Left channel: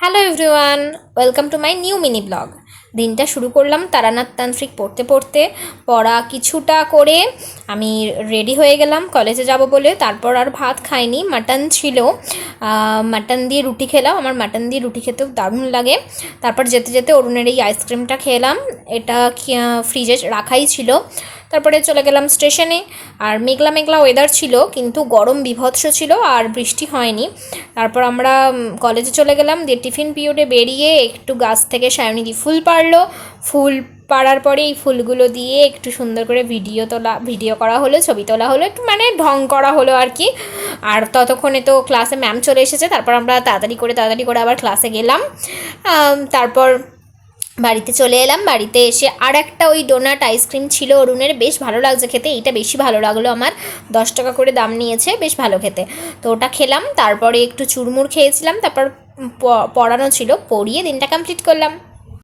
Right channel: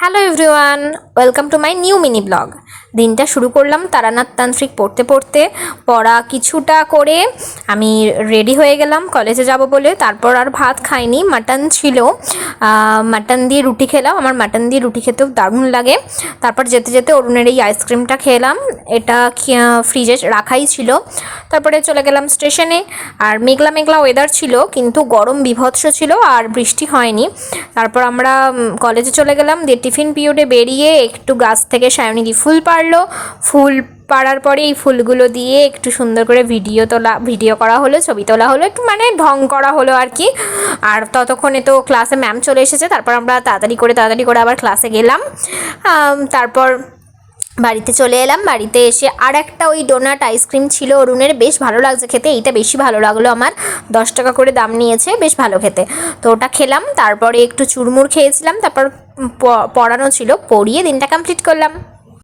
Hello everyone, welcome to my new mini blog. দিনটা শুরু করলাম তারানাথ তান্ত্রিক পড়তে পড়তে। পড়া কিছুটা করে আমি রেডি হয়ে গেলাম কলেজে যাব বলে। তারপর আর ভাত খাইনি, মাটন ছিল, মাটন দিয়ে রুটি খেলাম। আমার মাটন দিয়ে রুটি খেতেও দারুণ লাগে। তারপর যেতে যেতে অরুণের এই আইসক্রিমটা খেলাম, এটা ফ্রিজে রাখাই ছিল। তারপরে চলে গেলাম স্টেশনে। আর মেঘলা মেঘলা ওয়েদার ছিল, কিন্তু গরম বীভৎস ছিল আর বৃষ্টি হয়নি। তারপর আমরা কলেজে চলে গেলাম। দিয়ে টিফিন পিরিয়ডে বেরিয়ে একটু গাছ থেকে সায়নিধি ফুল পারলো। ফুল পাড়ার পরে এই ফুলগুলো দিয়ে একটু সুন্দর করে ভিডিও করা হলো, ছবি তোলা হলো, একটু মানে ঢং করা হলো আর কি। আর ততক্ষণে তো ক্লাসে ম্যাম চলে এসেছে। তারপর আমরা তাড়াতাড়ি করে আবার ক্লাসে গেলাম। তারপর বাড়িতে চলে এলাম। বাড়িতে এসে আর একটা ওই ডোনাট আইসক্রিম ছিল অরুণের, বেশ ভালো লাগছে খেতে। এইটা বেশি ভালো লাগলো আমার, 10 টাকা করে দাম নিয়েছে, বেশ ভালো খেতে। তো ওটা খেলাম, তারপরে একটু চুরমুর খেয়েছিলাম। তারপর পড়ানো ছিল, পড়িয়ে দিনটা কমপ্লিট করলাম।